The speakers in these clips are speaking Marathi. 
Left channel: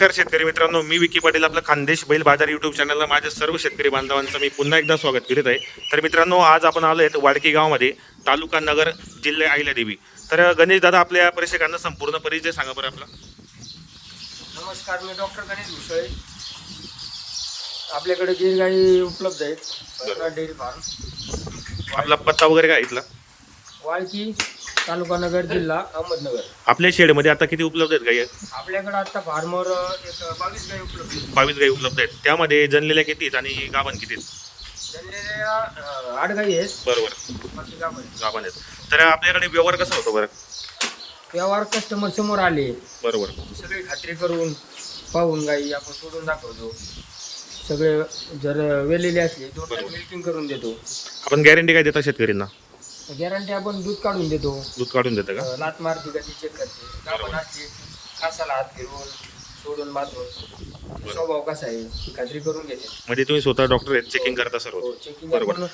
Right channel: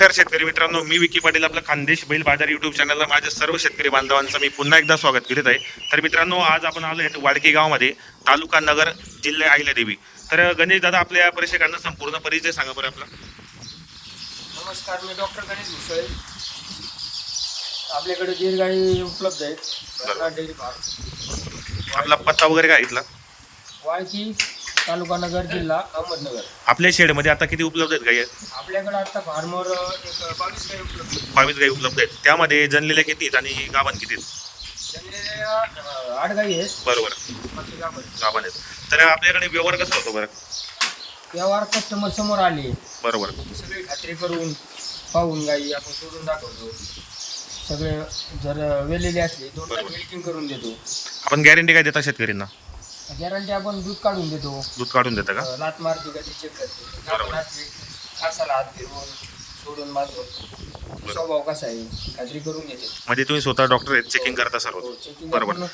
नमस्कार शेतकरी मित्रांनो मी विकी पाटील आपलं खानदेश बैल बाजार युट्यूब चॅनलला माझ्या सर्व शेतकरी बांधवांचं मी पुन्हा एकदा स्वागत करीत आहे. तर मित्रांनो आज आपण आलो आहेत वाडकी गावामध्ये तालुका नगर जिल्हा अहिल्यादेवी तर गणेश दादा आपल्या प्रेक्षकांना संपूर्ण परिचय सांगा बरं आपला. नमस्कार मी डॉक्टर गणेश भुसळे आपल्याकडे गिर गाई उपलब्ध आहेत. Dairy farm. आपला पत्ता वगैरे काय इथला? वाळकी. तालुका नगर जिल्हा अहमदनगर. आपल्या शेडमध्ये आता किती उपलब्ध आहेत गाई? आपल्याकडे आता फार्मवर एक बावीस गाई उपलब्ध आहेत. बावीस गाई उपलब्ध आहेत. त्यामध्ये जनलेल्या किती आहेत आणि गाभण किती आहेत? जनलेल्या अं, आठ गाई आहेत. बरोबर. बाकी गाभण आहेत. गाभण आहेत. तर आपल्याकडे व्यवहार कसा होतो बरं? व्यवहार कस्टमर समोर आले. बरोबर. सगळी खात्री करून पाहून गाई आपण सोडून दाखवतो. सगळे जर वेलेले असले दोन बरोबर. मिल्किंग करून देतो. आपण गॅरंटी काय देता शेतकऱ्यांना? गॅरंटी आपण दूध काढून देतो. दूध काढून देतं का? लात मारती का ती चेक करते. आपण असली खासाला हात फिरवून सोडून बांधून. स्वभाव कसा आहे ही खात्री करून घेते. म्हणजे तुम्ही स्वतः डॉक्टर आहेत चेकिंग करता सर्व. चेकिंग बरोबर.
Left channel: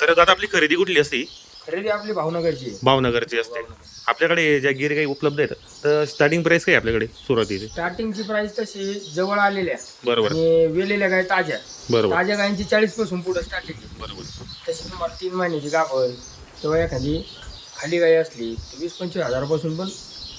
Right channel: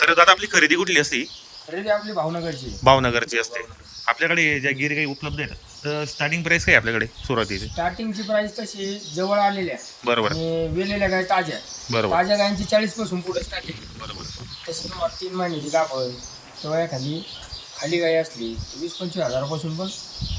तर दादा आपली खरेदी कुठली असती? खरेदी आपली भावनगरची. भावनगरची असते. आपल्याकडे ज्या गिर काही उपलब्ध आहेत तर स्टार्टिंग प्राइस काय आहे आपल्याकडे सुरुवातीची? स्टार्टिंगची प्राइस तशी जवळ आलेल्या बरोबर. आणि वेलेल्या गाय ताज्या बरोबर. ताज्या गायींची चाळीसपासून पुढे स्टार्टिंग बरोबर. तशी तुम्हाला तीन महिन्याची गाभण किंवा एखादी खाली गाय असली तर वीस पंचवीस हजारापासून पण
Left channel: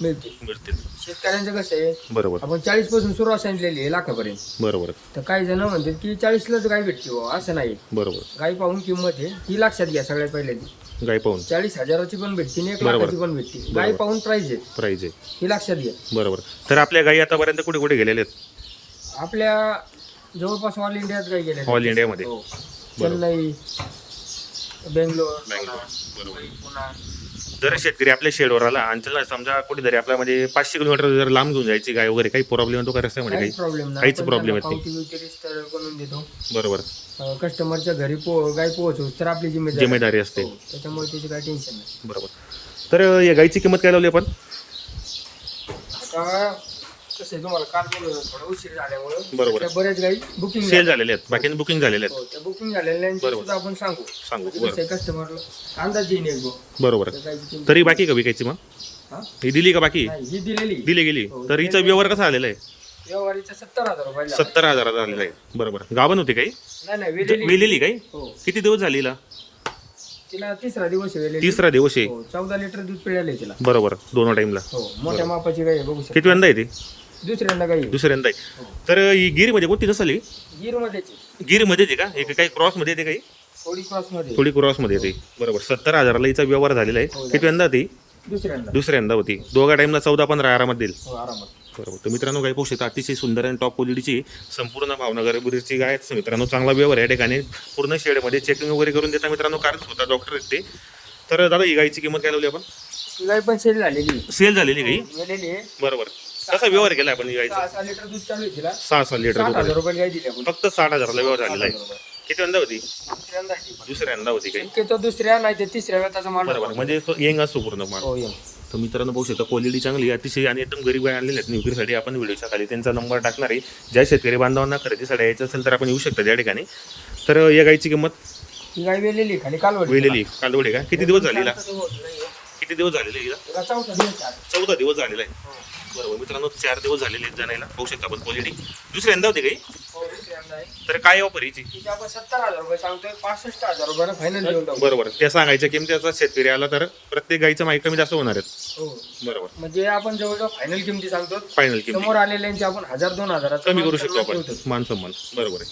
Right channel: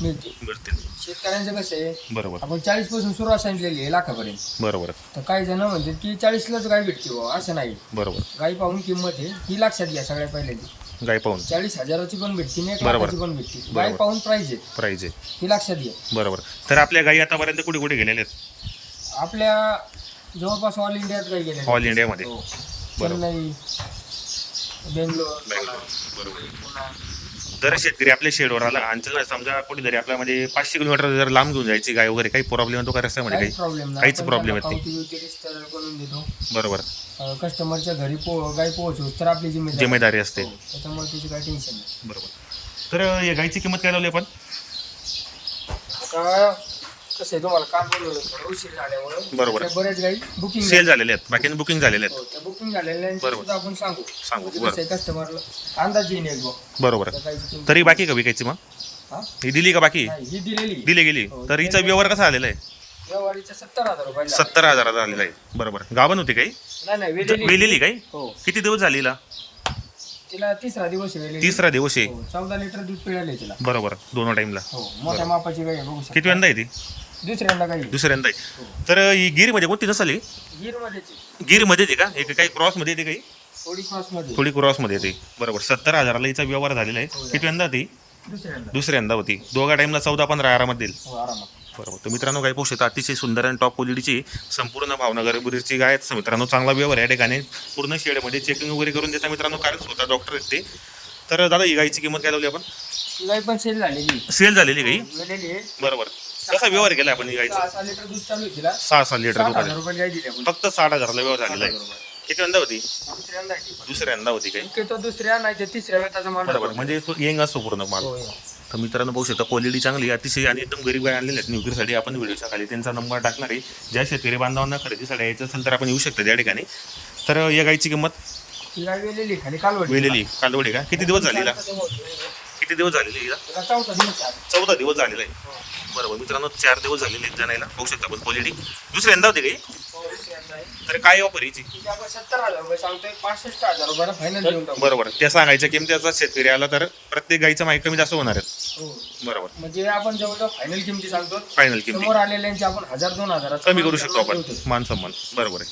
मिळते. मिळतील. शेतकऱ्यांचं कसं आहे बरोबर. आपण चाळीसपासून सुरुवात सांगितलेली आहे लाखापर्यंत. बरोबर. तर काही जण म्हणतात की चाळीसलाच गाय भेटते बुवा असं नाही. बरोबर. गाई पाहून किंमत आहे ही लक्षात घ्या सगळ्यात पहिल्यांदी. गाय पाहून. चाळीस हजाराची पण भेटते आणि एक बरोबर. लाखाची पण भेटते. गाय बरोबर. पाहून प्राइस आहे. प्राइस आहे. ही लक्षात घ्या. बरोबर. तर आपल्या गाई आतापर्यंत कुठे कुठे गेलेल्या आहेत? आपल्या जवळपास ऑल इंडियात गाई गेल्या ऑल इंडियामध्ये हो. बरोबर. चेन्नई बेंगलोर. बँगलोर बरोबर. पुन्हा जर शेतकरी आपल्या शेडवर आला आणि त्याला समजा कुठेतरी आपल्या म्हणजे पाचशे किलोमीटर जर लांब घेऊन जायची गाय वगैरे काही प्रॉब्लेम येतो का रस्त्यामध्ये काही? प्रॉब्लेम नाही. काहीच problem त्यांना येत नाही. देतो. बरोबर. अं, कस्टमरच्या घरी पो गाय पोहोचू तर आपली जिम्मेदारी. जिम्मेदारी असते. हो, त्याच्यामुळे त्याची काही टेन्शन नाही. बरोबर. तर या गाईची किंमत काय लावली आपण? कसं आहे तुम्हाला काल बोलवलं थोडं उशीर झाल्यामुळं. बरोबर. त्या बऱ्याच गाई बुकिंग सेल झालेले आहेत. बाकी बुकिंग झालेले आहेत. त्या बुकिंग झालेल्या बरोबर. सुद्धा आपण सांगू. सांगू. म्हणजे बरं. कस्टमरला अंदाज एक. बरोबर. त्या गाईची किंमत. तरी बाकी का विकायची मग? हा? ही दिली का बाकी? नाही, ही दिलेली. दिली गेली. हो, तर हिचा व्यवहार कसा आलेला आहे? व्यवहारीचा सत्तर हजार रुपये सत्तर हजाराचा आलेला आहे. बरोबर. गाभण होती काही? नाही नाही वेलेली. वेलेली काही? हो. किती दिवस झाली हिला? तिला तिसरा दिवस आहे वेलेली. तिसरा दिवस आहे. हो चौदा लिटर दूध पिळाले तिला. बरोबर. दोन टाइमला हो मोठ्या मापाची गाई आहे बघू शकता. किती वेळा आहे ती? दुसऱ्यांदा आहे. दुसऱ्यांदा. आहे तर ही गिरमध्ये कोणती नसली? गिरमध्ये गिरमध्ये येते का? एक काही क्रॉसमध्ये येते काही? थोडी क्रॉसमध्ये थोडी क्रॉसमध्ये येते. बरोबर. सत्तर हजाराला हिचा व्यवहार झालेला आहे. किती वेळा ती दुसऱ्यांदा. दुसऱ्यांदा होती. दोघा टाइमला चौदा पंधरा आरामात देईल. हो आरामात. बरोबर. तर मित्रांनो काय पोषक अतिशय सुंदर आणि टॉप क्वालिटीची संपूर्ण भावनगर बुरीची गाय आहेत. मित्रांनो चांगला व्यवहार आहे. या ठिकाणी पूर्ण शेडमध्ये चेकिंग वगैरे करून देता मित्रांनो कारण स्वतः डॉक्टर आहेत ते. तर दादा ही गायची किंमत काय लावली आपण? ती गाई पण सेल झालेली सेल झालेली गाई आहे. बरोबर. कसा व्यवहार केला आपण गायचा सहा सहा लिटर दूध चालू आहे तिला. सहा सहा लिटर सात रुपये दिली आपण फक्त साठ हजारला व्यवहार झालेला आहे. किती वंदा होती? दुसऱ्यांदा आहे ती. दुसऱ्यांदा होती काही दुसऱ्या नाही ते तिसऱ्या माल बरोबर. म्हणजे येंग असतो पूर्ण माल हो. तर मित्रांनो बघू शकता क्वालिटी चांगली आहे, अतिशय आणि एकदम गरीब गाय आणलेल्या आहेत. विक्रीसाठी आपण व्हिडिओच्या खाली त्यांचा नंबर टाकणार आहे. ज्या शेतकरी बांधवांना खरेदीसाठी यायचं असेल तर आपण येऊ शकता त्या ठिकाणी. तर या गायची किंमत? ही वेलेली आहे, खाली कालवडी वेलेली कांदवडी का? किती दिवस झालेला. किती दिवस झालेले हिला? तिला चौथा दिवस आहे. चौदा दिवस झालेला आहे. बरोबर. मित्रांनो चार दिवस झालेले आहेत जाण्याला. बघू शकता आपण क्वालिटी दुसऱ्यांदा होती काही. तर काय ऑफर आपण सत्तर हजार रुपये सांगतोय पासष्ट हजार रुपयाला फायनल देऊन टाकू. बरोबर. त्या सांगायच्या किमतीचा शेतकरी आला तर प्रत्येक गाईचा माहिती कमी जास्त होणार आहेत. हो. बरोबर. म्हणजे आपण जवळजवळ फायनल किमती सांगतो. फायनल किमती. समोर आलेल्यांची आपण हजार दोन हजाराचा कमी करू शकतो आपण. मान सन्मान. बरोबर आहे.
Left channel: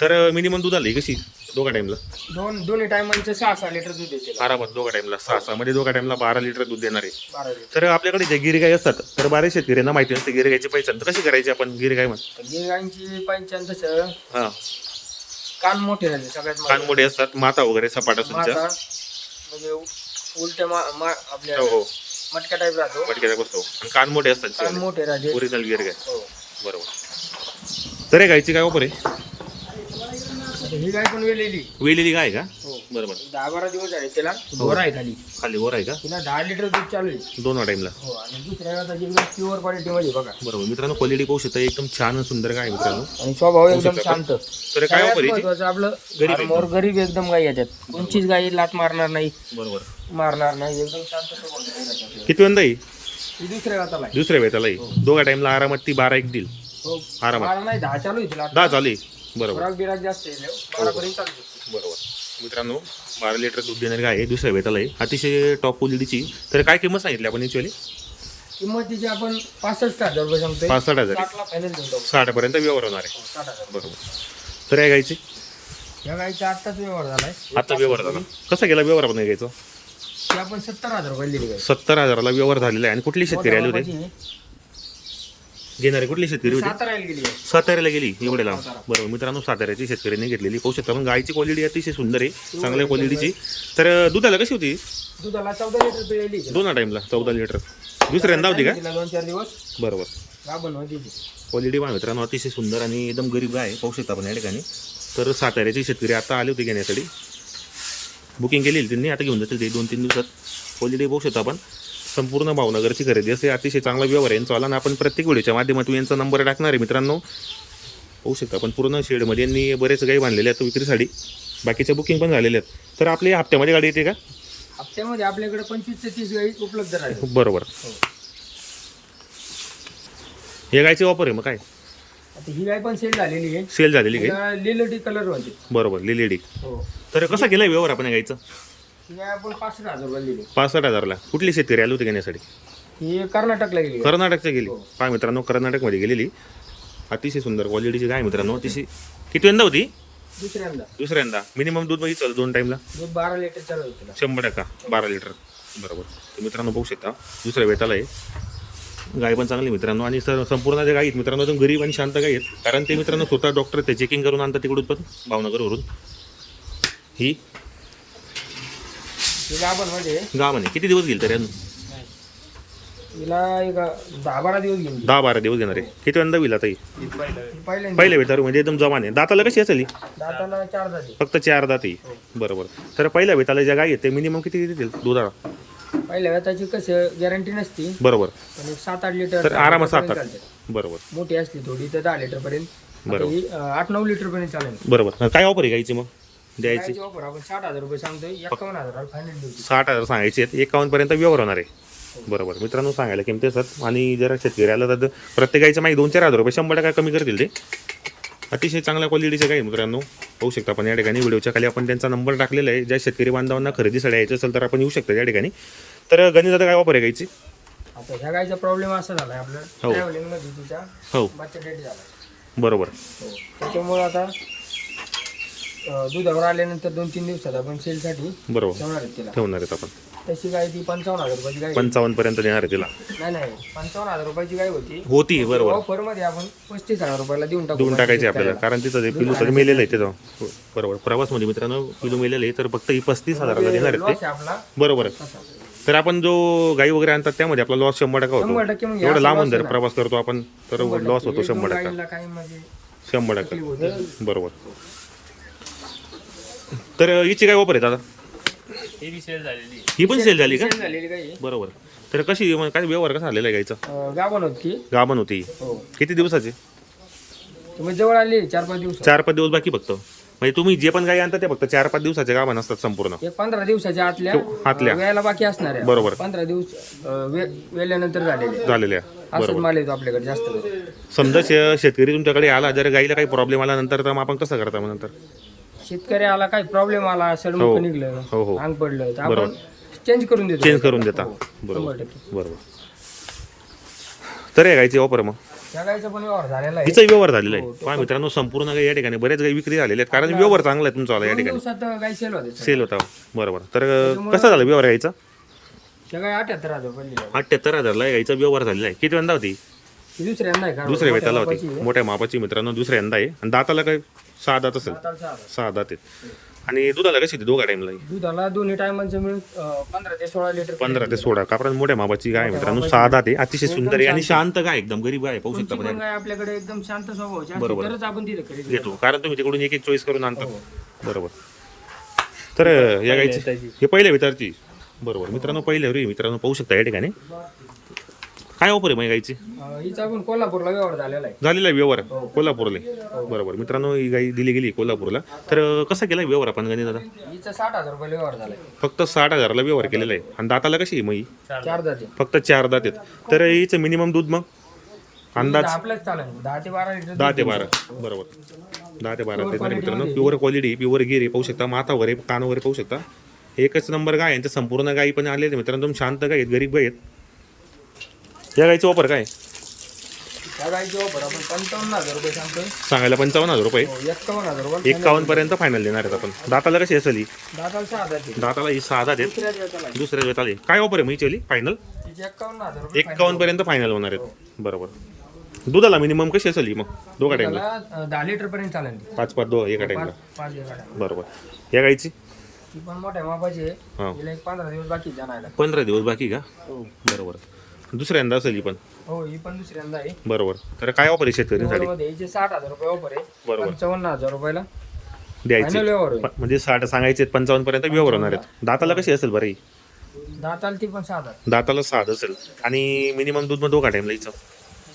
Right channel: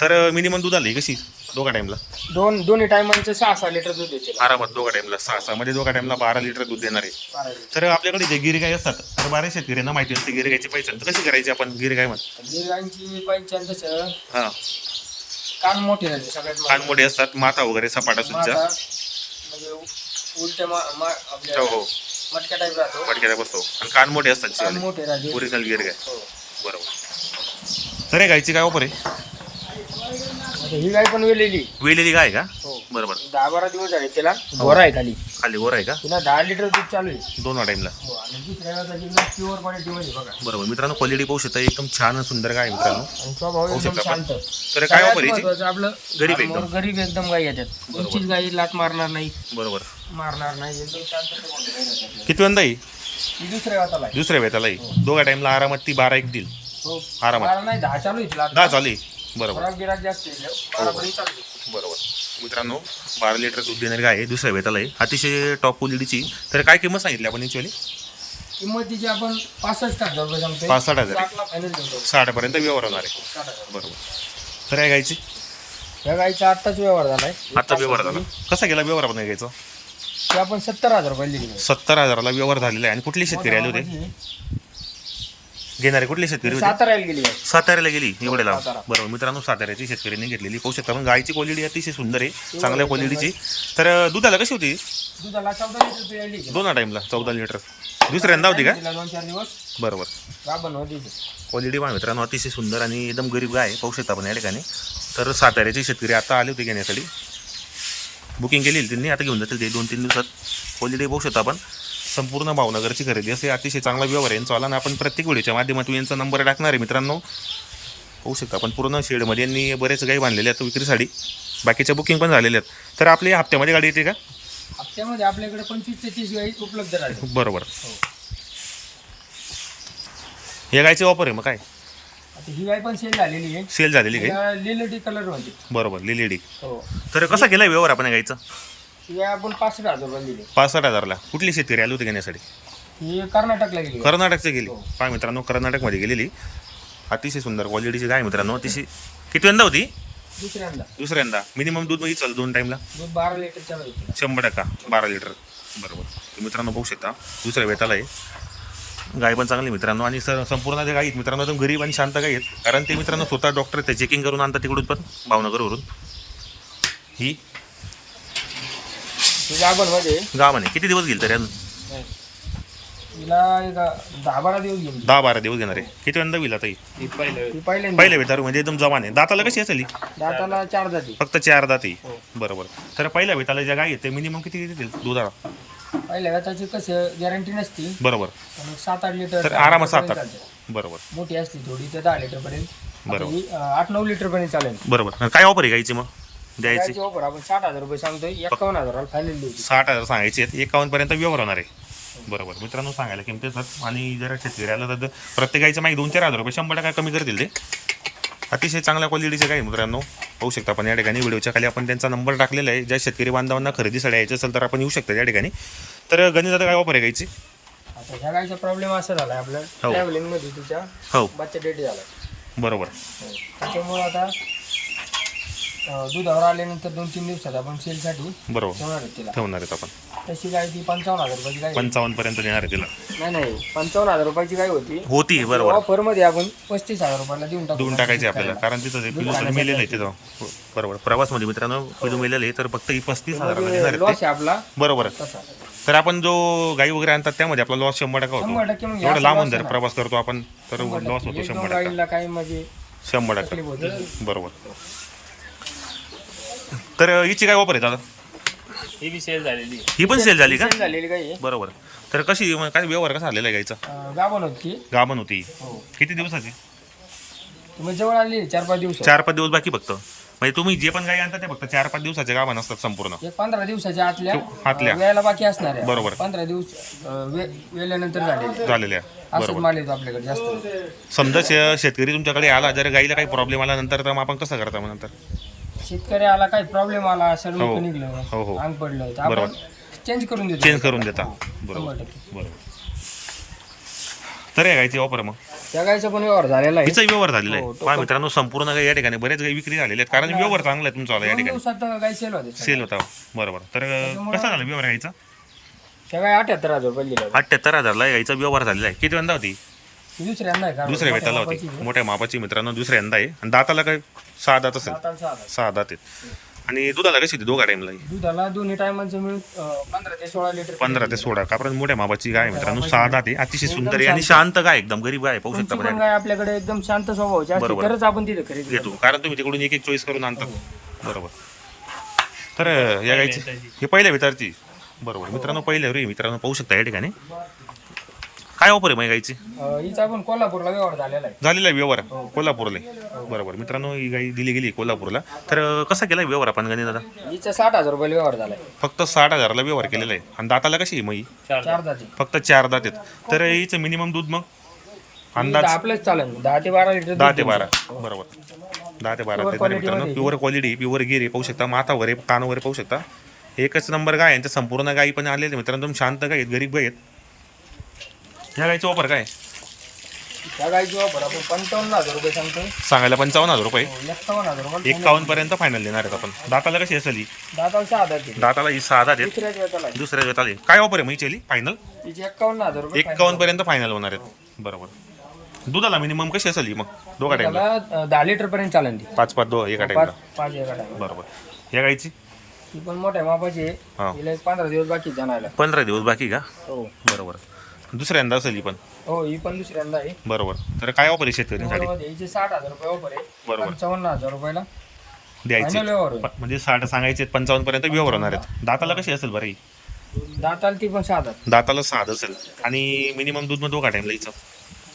तर मिनिमम दूध आली कशी? दोघा टाइमला दोन दोन्ही टायमांचे सहा सहा लिटर दूध येते आरामात दोघा टाइमला सहा सहा. मध्ये दोघा टाइमला बारा लिटर दूध देणार. आहे बारा लिटर. तर आपल्याकडे जे गिरगाई असतात तर बारा शेतकऱ्यांना माहिती नसते गिरगाईची पैसे कशी करायची आपण गिरगाई म्हण? तर गिरगाईंची पंचायत तसं हा. कान मोठे राहते सगळ्यात कान मोठे असतात माथा वगैरे सपाटा माता सुद्धा म्हणजे उलट्या मा मा- आपल्या हो हो. मटका टाईप राहतो. पटक्याचा बसतो आणि कान मोठे असतात कान मोठे राहते. ओरिजिनल गिरगाय हो. बरोबर. तर हे गायची काय ऑफर आहे? आता ही गाय पण वेलेली. वेलेली गाय का? हो. बरोबर दहा बारा दिवस झाले तिला. गोरा आहे खाली. खाली आहे का? तिला दहा लिटर दूध चालू आहे. दोन टाइमला हो आणि दुसऱ्या वेळाची एकदम प्युअर क्वालिटी मध्ये बघा. बरोबर मित्रांनो क्वालिटी पाहू शकता एकदम छान आणि सुंदर गाय आहे मित्रांनो. आणि स्वभाव पाहू एकदम शकता आपण. शांत. तर काय सगळ्यात ऑफर याची? महत्वाचं आपलं गरीब फार्मवर गरीब एकदम गाई येतात. कोणचीच गाई लात मारणार नाही. बरोबर मारणार नाही. एकदम शांत स्वभावाची. किती वंदा आहे ही दुसऱ्या हाताला आहे. दुसऱ्या वेतालाही दोघा टाइमला आरामात ती बारा एक देईल. हो. आरामात. बारा नाही दहा चालू आहे तिला दहा चालू आहे. बरोबर. जास्त आहे. बरोबर. मित्रांनो बारा लिटर दूध देणारी गाय आहे दुसऱ्या वेताला आहे. अतिशय टॉप क्वालिटीची तर काय किंमत सांगितली आपण याची किंमत तिची आपण पासष्ट हजार रुपये साठ हजार साठपर्यंत व्यवहार होणार आहे. बरोबर. तर या गायची? या गाईचा आत्ताच व्यवहार झालाय. आता व्यवहार झाला. कसा गेला व्यवहार आपण घ्यायचा ती आपण सत्तर हजार रुपये सत्तर हजाराला व्यवहार झालेला आहे. आणि कुठली शेतकरी आले होते? घेणारे कुठली शेतकरी होते? साताऱ्याला गेली गाय साताऱ्याला गेली एवढे लांब सातारा. बरोबर मित्रांनो साताऱ्याची शेतकऱ्यांनी घेतलेली पाहू शकता. पण गायची क्वालिटी अतिशय सुंदर आहे चांगल्या क्वालिटीची तर दुधाला कशी होती? दुधाला चौदा लिटर पिळली दोन टाईमला चौदा लिटर. दुसऱ्यांदा होती का? तिला दोन चार दिवस. बरोबर. गाभण होती ती. क्वालिटी पहा मित्रांनो अतिशय सुंदर आणि एकदम गरीब गाय आहे. पाहू शकता आपण या ठिकाणी. तर साताऱ्याचे शेतकरी आता आले होते घेण्यासाठी. बुकिंग केली त्यांनी आता घेऊन जातील ते दोन तीन दिवसात. क्वालिटी पाहू शकता आपण. संपूर्ण भावनगरची खरेदी. असे अतिशय चांगला व्यवहार आहे. यांचा आला आणि आपण प्रत्येक व्हिडिओच्या माध्यमातून यांचा नंबर टाकणार आहे मित्रांनो. पाहू शकता आपण पूर्ण शेडमध्ये यांनी बरेच गाई बांधलेले आहेत विक्रीसाठी बाकीच्या बुकिंग पण झालेल्या आहेत. तर आपली हप्त्यामध्ये गाडी येते का? हप्त्यामध्ये आपल्याकडे पंचवीस ते तीस गाई उपलब्ध राहते बरोबर. हो. या गायची ऑफर आहे मग काय? आता ही गाय पण सेल झालेली आहे. सेल झालेली लिलटी कलर होते. बरोबर लिलेडी हो. तर कसा केला व्यवहार आपण या गाईचा? ही गाय आपण पासष्ट हजार रुपये दिली. पासष्ट हजारला? कुठली शेतकरी आली होती घेण्यासाठी? ही कर्नाटकला गेली. गाय. कर्नाटकची गेली. हो. पहा मित्रांनो कर्नाटकमध्ये गेलेली. अतिशय सुंदर क्वालिटीची गाय मित्रांनो. अतिशय किती यंदा होती? दुसऱ्यांदा. दुसऱ्यांदा. मिनिमम दूधमध्ये चल दोन टाईमला दूध बारा लिटर चालू शंभर टक्का. बारा लिटर बरोबर. तर मित्रांनो बघू शकता. दुसऱ्या वेताला आहे. गाय पण चांगली मित्रांनो. आणि सर संपूर्ण त्या गाई आहेत मित्रांनो एकदम गरीब आणि शांत गाई आहेत. कारण ते मित्रांनो स्वतः डॉक्टर ते चेकिंग करून आणतात तिकडून पण भावनगरवरून. ही ही गाभण म्हणे. किती दिवस गेल तरी अजून? हिला एक दहा बारा दिवस घेऊन दहा बारा दिवस घेणार आहे. किती यंदा होईल आता ही? ही पहिल्यांदा पहिले वेतारू म्हणजे एकदम जवान आहे दाताला कशी असेल ही? दाताला चार जाती फक्त चार दाती. बरोबर. तर पहिल्या वेताला ज्या गाई आहेत ते मिनिमम किती देतील दुधाला? पहिल्या वेताची कसं गॅरंटी नसती. बरोबर. पण एक सात आठ लिटर तर आरामात सात आठ. चालते. बरोबर. मोठी असली थोडी तर दहा लिटर पर्यंत. आता बरोबर. ही, अं, आठ नऊ लिटर पर्यंत चालेल बरोबर. काय ऑफर आहे गाईची मग? द्यायची. गायची offer आपण साठ हजार रुपये सांगतोय एकावन्न हजार फायनल देऊ साठ हजार सांगायचे आहेत एकावन्न पर्यंत व्यवहार होणार आहे. बरोबर. मित्रांनो सांगायला किमती असत आणि जर शेतकरी आलं तर प्रत्येक गाईचं माहिती दोन चार हजार रुपये शंभर टक्का कमी करतील ते. अतिशय चांगल्या क्वालिटीचे गाई मित्रांनो पाहू शकता आपण या ठिकाणी. व्हिडिओच्या खाली आपण त्यांचा नंबर टाकलेला आहे. ज्या शेतकरी बांधवांना खरेदीसाठी यायचं असेल तर आपण येऊ शकता या ठिकाणी. तर गणित काय ऑफर आहे गाईची? आता ह्या गायचा प्रॉब्लेम असा झालाय आपल्या हो. ट्रॅव्हलिंगमध्ये तिच्या हो. बच्चा डेट झालाय. बरोबर. हो. त्याच्यामुळे आता अं, दुधावर आल्यानंतर दोन तीन दिवसात आपण सेलसाठी बरोबर. ठेवणार आहेत तिला. ठेवणार आहेत आपण. तशी गाय ती पंचावन्न हजार रुपयाची गाय आहे. पंचावन्न पर्यंत देणार आहे तिला. नाही नाही. पंचावन्न हजार रुपयाची गाय होती? होती बरोबर. ऑफरमध्ये आपण पस्तीस हजार रुपयाला देऊन टाकू देऊन टाकायचे आपल्याला. कारण तिथं ते पिलू सगळं मेलेलं आहे तिथं. हो, बरोबर. प्रवासमध्ये मित्रांनो पिलू मेलेलं आहे तर फक्त ही पस्तीस हजाराला देणार आहेत लॉस आहे आपला. बरोबर. तसा. तर आपण जो गाई वगैरे आणतात त्यामध्ये आपला लॉस शंभर टक्का होतो. शंभर टक्के मग एवढं loss जर. प्रवास करतो आपण तर लॉस होतो दोन शंभर टक्का. गाईला काय म्हणजे शंभर टक्का. होती. बरोबर. तर हिची काय वापर आहे दादा ही बी सेल झालेली ही पण सेल झाली का? झालेली. बरोबर. तर कशी काय व्यवहार कसा आलेला आहे गाईचा गाभण होती गाभण होती. हो. किती दिवसाची? तुम्ही जवळ आली चार पाच दिवस. चार पाच दिवस बाकी फक्त. म्हणजे तुम्ही जे पण गाई आणता ते फक्त चार पाच दिवसाचे गाभण असतात संपूर्ण. एक पंधरा दिवसाच्या आतल्या आतल्या. अं, वेळेला बाकी असणार आहे. बरोबर. पंधरा दिवस अं, वे- वेळेनंतर झालेले झालेल्या असंच बरोबर. माल येतो आपल्याकडे जास्त करून. समजा शे- शेतकरी तुमच्याकडे आला जर गाईला काही प्रॉब्लेम आला नंतर तर मग आपण कसं करता मग नंतर? शेतकरी आला काही प्रॉब्लेम आला हो. सडमुख निघलं हो हो. अंग पडलं तर. आपण चेंज करून देतो. चेंज करून देता. हो, बरोबर. शंभर टक्के. बरोबर. तर आहे गायची ऑफर मग. त्या गायचा पण व्यवहार झालेला आहे. हिचाही व्यवहार झालेला हो, आहे पहा मित्रांनो संपूर्ण काही या ठिकाणी बरेच काही विक्री झालेले आहेत. कारण व्यवहार चांगला आहे तुमचा या दोन ठिकाणी. दिवसात गाय सेल होते सेल होता. बरोबर. तर कसं झालं व्यवहार घ्यायचा त्या गाय अठ्याहत्तर हजार रुपये दिले अठ्ठ्याहत्तर हजारला यायचा व्यवहार झालेला आहे. किती यंदा होती? ही दुसऱ्यांदा आहे का दुसऱ्या वेताला होती. मोठ्या मापाची मित्रांनो दुसऱ्या यंदा आहे. आणि दाताला काय? सहा दात असेल सहा दात आहेत. आणि दुधाला कशी होती दोघा टाइमला दुधाला दोन्ही टायमांचं मिळून अं, पंधरा ते सोळा लिटर पंधरा ते सोळा. का? कारण मोठ्या मापाची गाय आहे मित्रांनो सहा दात आहे अतिशय सुंदर आहे आणि शांत. गाय एकदम गरीब गाय आहे, पाहू शकता तुमची पण पण गाय आपल्याकडे एकदम शांत स्वभावाची असते बरोबर. तरच आपण तिथे खरेदी घेतो कारण तुम्ही तिकडून एक एक चॉईस करून आणतात बरोबर. तर या गायची हे पहिल्या विचारची बरोबर. मित्रांनो पहिल्या रे मित्रांनो पाहू शकता या ठिकाणी. काय ऑफर आहे अं, हिचा आपण कोल्हापूरला व्यवहार झालेला आहे. झालेला आहे व्यवहार? कोल्हापूरला? बरोबर. मित्रांनो ही गाई दिली गेली कोल्हापूरला. तर कसा केला व्यवहार आपण गणी दादा? हिचा साठ हजार रुपयाला व्यवहार झालाय. फक्त साठ हजारला व्यवहार केलेला आहे. आणि दाताला कशी आहे मग ही? चार जाते फक्त चार दात आहेत. तर हिचं मिनिमम दूध मग? अंदाज? आपलंच चालेल. दहा ते बारा लिटर दहा ते बारा. बरोबर. दहा ते बारा तरी मित्रांनो. प्युअर क्वालिटी प्युअर गिरी पाहू शकता. माथा वगैरे कान वगैरे पाहू शकता. एकच नंबर गाय आहे आणि त्या संपूर्ण गायी पण आलेले मित्रांनो. तुम्ही शांत गाय आहेत गरीब गाय आहेत. या गायचा वापर काय? त्या गायची वापर आपण पंचावन्न हजार रुपये सांगतो. सांगायला पंचावन्न हजार रुपये. हो, एक्कावन्न हजार रुपये पर्यंत फायनल देणार आहेत आपण. दाताला कशी असेल ही दाताला सहा हजार दिली. दाताला ही सहा दात आहेत. दिवसाला दुसऱ्या आली काय ऑफर आहे म्हैचेली फायनल तिची एक्कावन्न हजार रुपये पर्यंत फायनल होणार आहेत. बरोबर. दुधाला मिनिमम कशी असेल ही मग? दोघा टाईमला मला, अं, दहा लिटर पर्यंत चालेल ती. पाच पाच दो एका टाईमला पाच पाच एका टाइम बरोबर. या गायची ती पण मोठ्या मापाची आहे. हा. तिला एक पंधरा दिवस बाकी जाणायला. पंधरा दिवस बाकी का? हो. बरोबर. दुसऱ्यांदा असेल ही पण? हो ही पण दुसऱ्यांदा आहे. बरोबर. तर काय ऑफर आहे शेतकऱ्यांसाठी? हिचे साठ हजार रुपये ऑफर आहे. बरोबर. पंचावन्न हजार रुपयाला. द्यायचे. व्यवहार प- म्हणजे साठ सांगायचे पंचावन्न पर्यंत व्यवहार होणार आहेत. दाताला कशी असेल बरं ही? दाताला ती पण हजार. दाताला साध असेल. आणि मिनिमम दूध मग दोघा टाईमला हिचं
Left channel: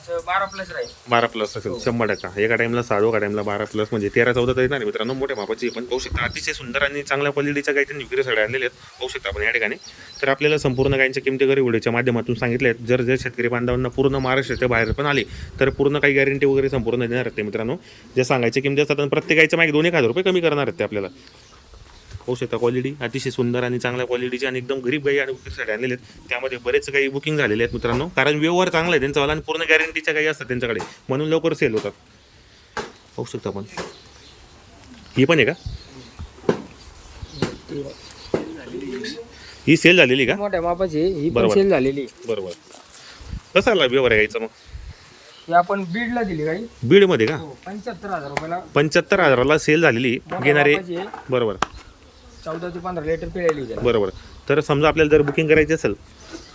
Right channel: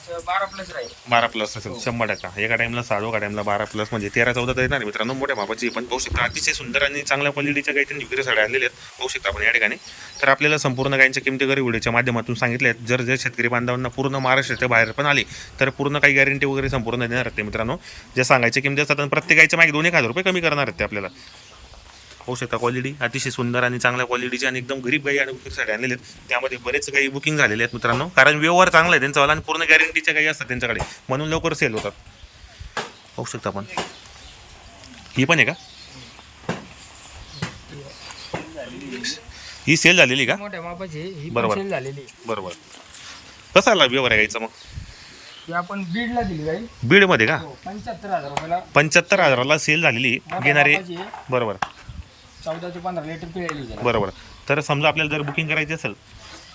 बारा प्लस राहील. बारा प्लस असेल शंभर टक्का. एका टाईमला सहा दोघा टाईमला बारा प्लस म्हणजे तेरा चौदा तर येणार आहे मित्रांनो मोठ्या मापाची. पण पाहू शकता अतिशय सुंदर आणि चांगल्या क्वालिटीच्या काही त्यांनी विक्री साड्या आणलेल्या आहेत. पाहू शकता आपण या ठिकाणी. तर आपल्याला संपूर्ण गायींच्या किमती वगैरे व्हिडिओच्या माध्यमातून सांगितले आहेत. जर जर शेतकरी बांधवांना पूर्ण महाराष्ट्राच्या बाहेर पण आले तर पूर्ण काही गॅरंटी वगैरे संपूर्ण देणार आहेत ते मित्रांनो. जे सांगायचे किमती असतात प्रत्येक गायच्या मागे दोन एक हजार रुपये कमी करणार आहेत ते आपल्याला. पाहू शकता क्वालिटी अतिशय सुंदर आणि चांगल्या क्वालिटीची आणि एकदम गरीब गाई आणि विक्रीसाठी आणलेले आहेत. त्यामध्ये बरेच काही बुकिंग झालेले आहेत मित्रांनो. कारण व्यवहार चांगला आहे त्यांचा आणि पूर्ण गॅरंटीच्या काही असतात त्यांच्याकडे. म्हणून लवकर सेल होतात. पाहू शकता आपण. ही पण आहे का? ही सेल झालेली का? मोठ्या मापाची ही बरोबर. सेल झालेली आहे. बरोबर. कसा आला व्यवहार आहे गाईचा मग? ही आपण बीडला दिली गाई. बीडमध्ये का? हो पंच्याहत्तर हजार रुपयाला. पंच्याहत्तर हजाराला सेल झालेली. मोठ्या घेणारे मापाची आहे, बरोबर. चौदा ते पंधरा लिटर पिळायली त्याला बरोबर. तर समजा आपल्याला जर बुकिंग करायची असेल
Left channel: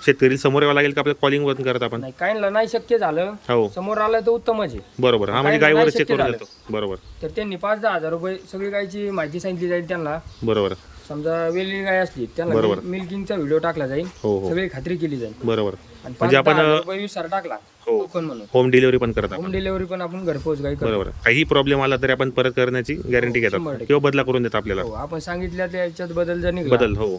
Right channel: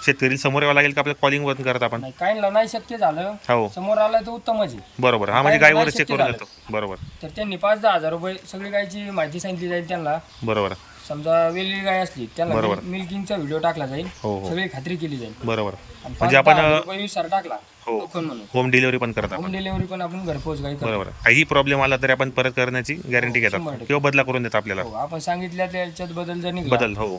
शेतकरी समोर यावं लागेल का आपल्या कॉलिंग वरून करत आपण? नाही काहींना नाही शक्य झालं. हो. समोर आलं तर उत्तमच आहे. बरोबर. हा म्हणजे गायवर चेक करून. देतो बरोबर. तर त्यांनी पाच दहा हजार रुपये सगळी गायची माहिती सांगितली जाईल त्यांना. बरोबर. समजा वेगळी गाय असली त्यांना बरोबर. मिल- मिल्किंगचा व्हिडिओ टाकला जाईल. हो हो. सगळी खात्री केली जाईल. बरोबर. आणि म्हणजे पाच आपण, दहा हजार अ, रुपये विचार टाकला. टोकन म्हणून होम डिलिव्हरी पण करत होम डिलिव्हरी पण आपण घरपोच करतो. बरोबर. काही प्रॉब्लेम आला तरी आपण परत करण्याची गॅरंटी शंभर घेतात. किंवा बदला करून देतात आपल्याला. हो आपण सांगितल्या त्याच्यात बदल जर निघाला. बदल हो.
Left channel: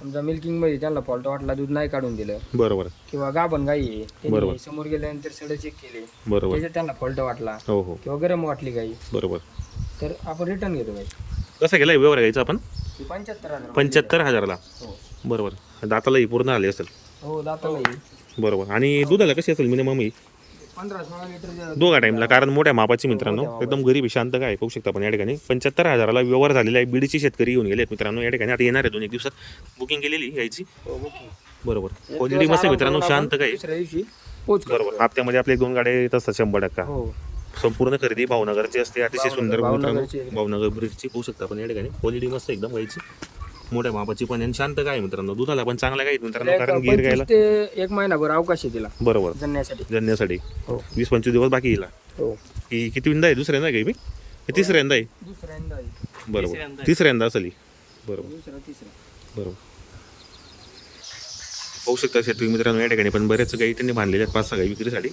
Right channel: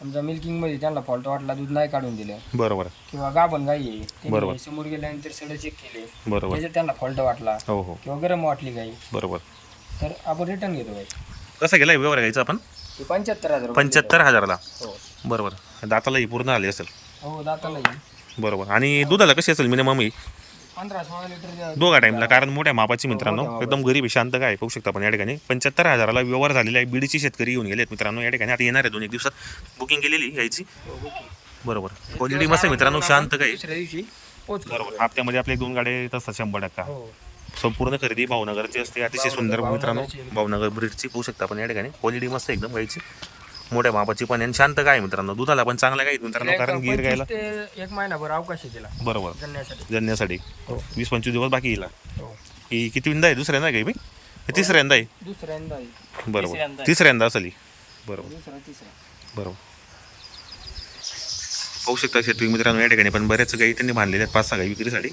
समजा मिल्किंगमध्ये त्यांना फॉल्ट वाटला दूध नाही काढून दिलं. बरोबर. किंवा गाभण गाई आहे बरोबर. त्यांनी समोर गेल्यानंतर सडे चेक केले. बरोबर. त्याच्यात त्यांना फॉल्ट वाटला. हो हो. किंवा गरम वाटली गाई. बरोबर. तर आपण रिटर्न घेतो गाई. कसा गेला व्यवहार घ्यायचा आपण? ही पंच्याहत्तर हजार. पंच्याहत्तर हजाराला. हो. बरोबर. दातालाही पूर्ण आले असेल. हो दाताला येईल बरोबर. आणि दुधाला कशी असेल मिनिमम ही? पंधरा सोळा लिटर दोघा टाईमला कारण मोठ्या मापाची मित्रांनो एकदम गरीब शांत काय पाहू शकता आपण या ठिकाणी. पंच्याहत्तर हजाराला व्यवहार झालेला आहे बीडची शेतकरी येऊन गेलेत मित्रांनो या ठिकाणी. आता येणार आहे दोन एक दिवसात. बुकिंग केलेली यायची. बरोबर. क्वालिटी मस्त आहे मित्रांनो शांत काय. बरोबर. हप्त्यामध्ये आपले दोन गाड्या येत असतात शंभर टक्का. हो. संपूर्ण खरेदी भावनगरची असते अतिशय सुंदर मित्रांनो. भावनगर ब्रिडची पाहू शकता आपण या ठिकाणी. क्वालिटी मस्त एकदम गायची मोठ्या मापाची पण आहे आणि शांत काय मित्रांनो. दुधाला पण चांगला काय मित्रांनो कारण गिर गायला ते एक महिनाभर अवकाश आहे तिला. बरोबर. जन्यासाठी. हो. वीस पंचवीस दिवस बाकी येईल हो. ही किती विंदा आहे? दुसऱ्यांदा आहे का ही? हे तिसऱ्यांदा आहे. दुसऱ्यांदा आहे. बरोबर. तिसऱ्यांदा. असेल. ही बरोबर. दुसरा तिसरा. बरोबर. पाहू शकता शेतकरी मित्रांनो या ठिकाणी पण बऱ्याच गाई त्यांनी बांधलेल्या आहेत पाच सहा गाई विक्रीसाठी.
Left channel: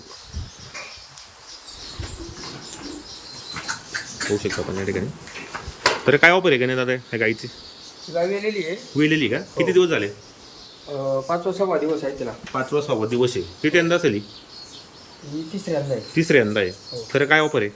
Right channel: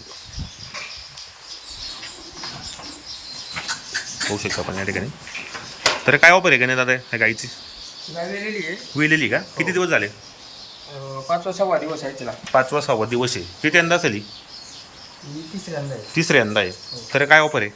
पाहू शकता आपण या ठिकाणी. तर काय ऑफर आहे का नाही दादा या गाईची? वेलेली आहे. वेलेली का? किती दिवस झाले? अं, पाचवा सव्वा दिवस आहे तिला. पाचवा सहावा दिवस आहे. किती यंदा असेल ही ही तिसऱ्यांदा आहे. तिसऱ्यांदा आहे. तर काय ऑफर आहे?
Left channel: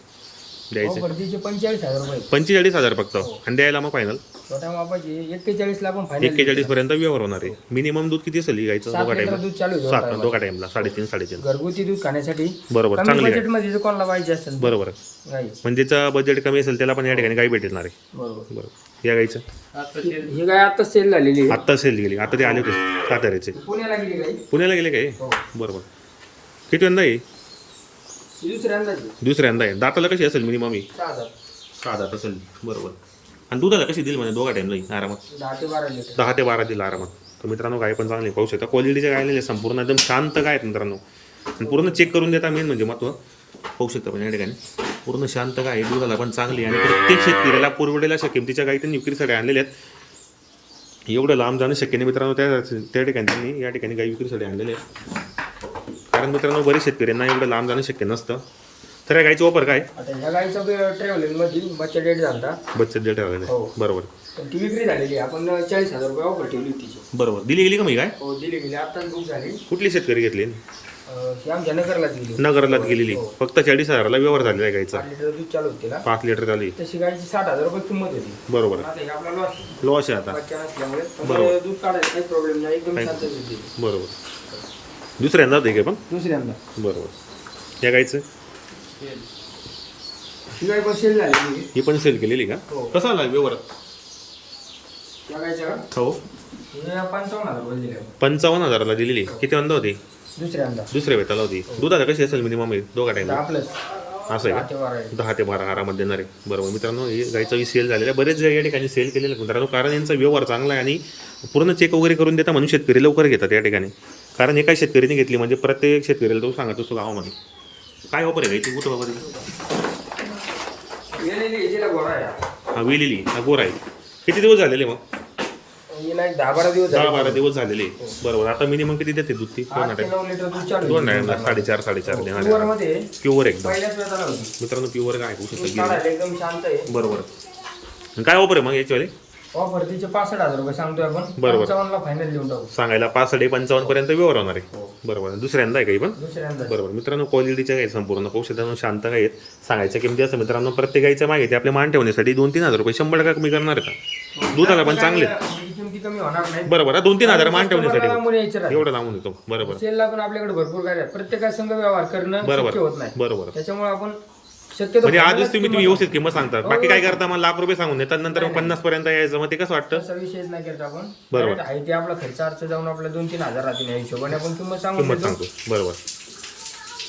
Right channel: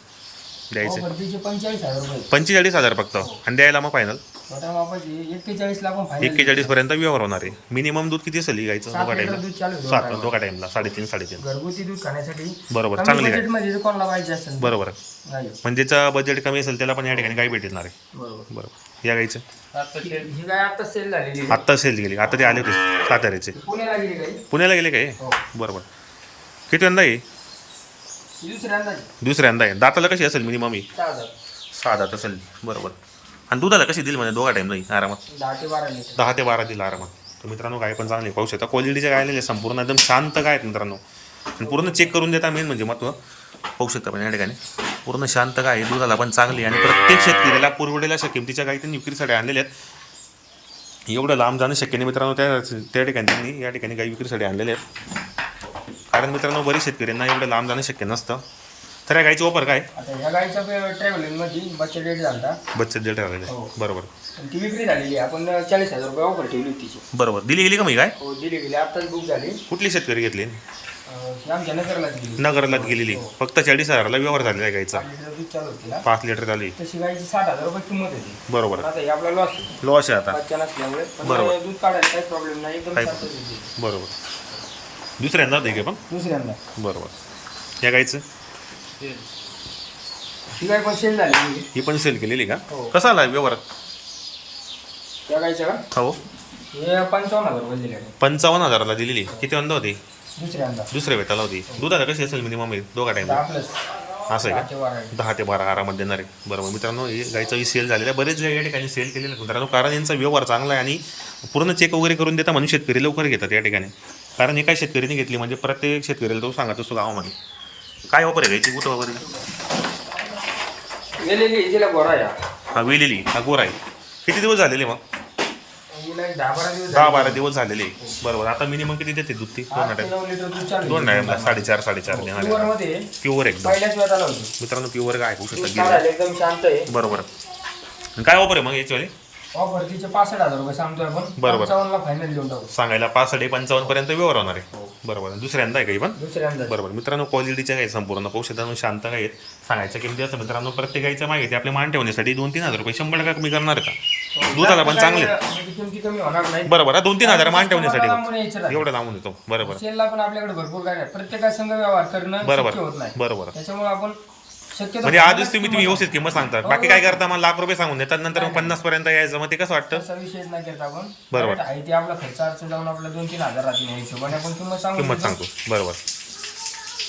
द्यायचं. हो, तिचे पंचेचाळीस हजार रुपये. पंचेचाळीस हजार फक्त. आणि द्यायला मग फायनल छोट्या मापाची एक्केचाळीस ला पण फायनल एक्केचाळीस पर्यंत व्यवहार होणार आहे. मिनिमम दूध किती असेल ही गाईचं? दोघा टाईमला दूध चालू आहे सात दोघा टाईमला साडेतीन साडेतीन. घरगुती दूध खाण्यासाठी बरोबर. चांगली गाय. कोणाला पाहिजे असेल. बरोबर. गाई. म्हणजे बजेट कमी असेल त्याला पण या ठिकाणी गाई भेटणार आहे. बरोबर. बरोबर. या गाईचं? ही गाय आता सेल झालेली आहे. आत्ता सेल गेली. आता ते आले होते साताऱ्याचे. पुण्याला गेली गाई. पुण्याला गेले काय? हो. बरोबर किती यंदा आहे? ही दुसऱ्यांदाची दुसऱ्यांदा आहे. दाताला कशी असेल मिनिमम ही? सहा हजार सहा दात असेल. बरोबर आणि दुधाला कशी दिली म्हणजे दोघा टाईमला ही आरामात? दहा ते बारा लिटर. दहा ते बारा दिला आरामात. तर मित्रांनो गाय पण चांगली पाहू शकता क्वालिटीच्या गाय आलेल्या संपूर्ण एकदम शांत गाय आहेत मित्रांनो. आणि पूर्ण चेक करून देता मेन म्हणजे महत्त्व. पाहू शकता पण या ठिकाणी. पूर्ण शांत गाय दुधाला पण चांगली आणि प्रत्येक शेतकऱ्याला पुरवडेल्या अशा किमतीच्या गायी त्यांनी विक्रीसाठी आणलेल्या आहेत. एवढं लांब जाणं शक्य नाही मित्रांनो. त्या त्या ठिकाणी त्यांनी या ठिकाणी गाई विक्रीसाठी आणलेले आहेत. कारण मित्रांनो बरेच शेतकऱ्यांना एवढं लांब जाणं शक्य नसतं. तर या गायची वापर काय? आता ट्रॅव्हलिंगमध्ये बच्चा डेट झाला हो. बरोबर. ती विक्री झालेली आपण चाळीस हजार रुपये ऑफर ठेवली तिची. बरोबर. दिली गेली का मी काय हो दिली गेली आताच बुक झाली. कुठली शेतकरी घेतली? अं, ही आमच्या गेलेली. हो. फक्त चाळीस हजाराला व्यवहार झालेला आहे गाईचा पाच लिटर दूध चालू होते ना पाच लिटर झाली तशी गाईची साठ हजार रुपये किंमत होती. बरोबर. आता हे आपला लॉस लॉस आहे आता. बच्चा नसल्यामुळे. पण बरोबर. दूध काढायला काही प्रॉब्लेम नाही. एकदम काही शांत देते बरोबर. दुसऱ्यांदा होते का पण? दुसऱ्यांदा. बरोबर. या गाईचं ही गाय पण सेल झाली ही पण सेल केलेली का? हो. कसा आला व्यवहार? त्या गायच्या का? हो. हे पंचावन्न हजार रुपये पंचावन्न हजाराला दिलेली. किती वंदा होती? दुसऱ्यांदा. दुसऱ्या वेताला होती दुधाला कशी असेल मिनिमम दोघा टाइम दहा प्लस असं आहे का? दहा ते बारा आरामात देणार आहे. बरोबर मित्रांनो हे गाईचा सेल झालेला आहे. बरेच या ठिकाणी सेल केलेलं आहे मित्रांनो कारण यांचा व्यवहार चांगला आहे आणि पूर्ण चेक वगैरे करून देता म्हणून शेतकरी लवकर घेतात या ठिकाणी. कारण हे काय शेतकरीने घेतली म्हणजे प्रत्येक शेतकऱ्याला तो सांगत असतो गावामध्ये. काय ऑफर आहे गाईची कुठं गोरा आहे. हा वेलेली. हा गोरा आहे. किती दिवस झालेले मग? नाही दहा बारा दिवस दहा झाले. बारा दिवस झालेले. बरोबर. आता मिनिमम किती देते दूध ती? दोन आठ ते टाइम नऊ लिटर दूध चालू दोन आहे. टाइम साडेचार साडेचार प्युअर देणार मध्ये प्युअर एकदम. पहिल्याच वेळा नव्हती मित्रांनो प्युअर काय होऊ शकतं दूध एकदम शांत आहे. बरोबर. आणि काय ऑफर आहे मग याच्यावाले? ऑफर तिचे पासष्ट हजार रुपये सांगतोय आपण. बरोबर. पंचावन्नला फायनल देऊन टाकू. सांगायला पाच साडे पंचावन्न पर्यंत व्यवहार होणार आहे. हो. बरोबर. दुसऱ्यांदा आहे काही पण? दुसऱ्यांदा. बरोबर. मित्रांनो क्वालिटीच्या काही संपूर्ण औषधांनो शांत काही आहेत. सांगायच्या किमती असं मित्रांनो प्रत्येक गाईच्या माहिती आपल्या मान ठेवण्यासाठी दोन तीन हजार रुपये शंभर टक्का कमी करणार का दुधाला पण चांगले आहेत. त्याची किमती कमी होणार नाही बरोबर हा, दोन तीन हजार मान ठेवण्यासाठी लांबून यायचं राहतं. एवढं लावून येतो बरोबर सेलला पण आपल्याकडे भरपूर काय आहे. प्रत्येकासंग व्यवहार करणं बरोबर शक्य होत नाही. बरोबर त्याच्यामुळे आपण शक्यतो म्हणजे आधीच तुम्ही तुम्ही व्यवस्थित किंमत सांगतात. बाकी हो. काय करता मला लाख रुपये सांगून देतात नंतर मग पन्नास पर्यंत यायचं. मग ते कसं वाटतं? विषयच नाही करत आपण. बरोबर. आहे ते आपला खर्च. अर्थ जाऊन आपला दोन तीन हजार राहतील या हिशोबाने आपण किंमत सांगू किंमत सांगतो. बरोबर.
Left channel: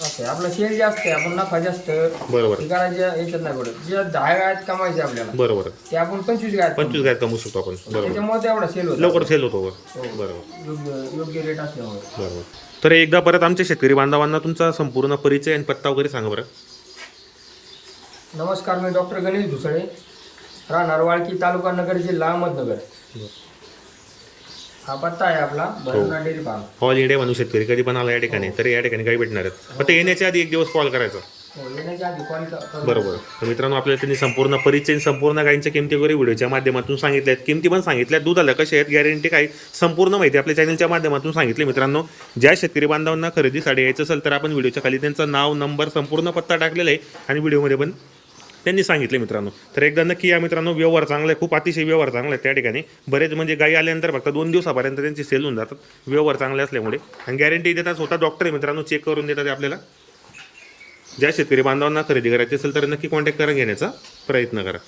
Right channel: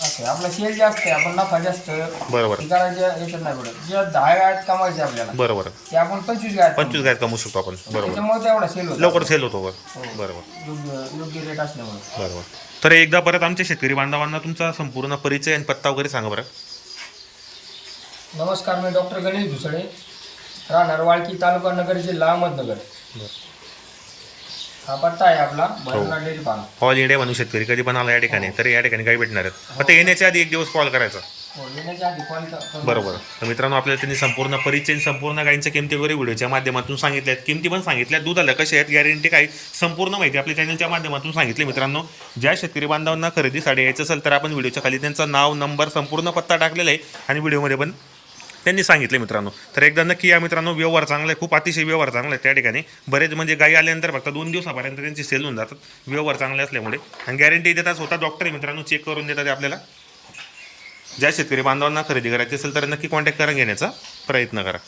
असं आहे. आपला सेल जास्त आहे आपण नफा जास्त. बरोबर. हे करायच्या याच्यात नाही पडत. जे दहा गायत कमायचे आपल्याला बरोबर. ते आपण पंचवीस गायत. पंचवीस गायत कमवू शकतो आपण. बरोबर. त्याच्यामुळे तेवढा सेल होतो. लवकर सेल होतो वर हो. बरोबर. योग्य योग्य रेट असल्यामुळे. बरोबर. तर एकदा परत आमच्या शेतकरी बांधवांना तुमचा संपूर्ण परिचय आणि पत्ता वगैरे सांगा बरं. नमस्कार मी डॉक्टर गणेश भुसळे राहणार वाळकी तालुका नगर जिल्हा अहमदनगर. हा पत्ता आहे आपला Bhairavnath dairy farm. All India म्हणून शेतकरी. कधी पण आला या ठिकाणी तर या ठिकाणी काही भेटणार आहेत. फक्त येण्याच्या आधी एक दिवस कॉल करायचा. हो येण्याच्या आधी कॉल कर- बरोबर. तर मित्रांनो आपल्याला त्यांनी संपूर्ण परिचय संपूर्ण गाईंच्या किमती वगैरे व्हिडिओच्या माध्यमातून सांगितल्या आहेत किमती पण सांगितल्या दुधाला कशा आहेत गॅरंटी काय संपूर्ण माहिती आपल्या चॅनलच्या माध्यमातून सांगितली. मित्रांनो ज्या शेतकरी बांधवांना खरेदीसाठी यायचं असेल तर आपण व्हिडिओच्या खाली त्यांचं नाव नंबर संपूर्ण पत्ता टाकलेला आहे. आणि व्हिडिओमध्ये पण त्यांनी सांगितले मित्रांनो. तर एकदा नक्की या मित्रांनो व्यवहार चांगला आहे खूप अतिशय व्यवहार चांगला आहे त्या ठिकाणी. बरेच म्हणजे गाई आल्यानंतर फक्त दोन दिवसापर्यंत त्यांची सेल होऊन जातात. व्यवहार चांगले असल्यामुळे. आणि गॅरंटी देतात स्वतः डॉक्टर आहे मित्रांनो चेक करून देतात आपल्याला. ज्या शेतकरी बांधवांना खरेदी करायची असेल तर नक्की कॉन्टॅक्ट करून घेण्याचा प्रयत्न करा.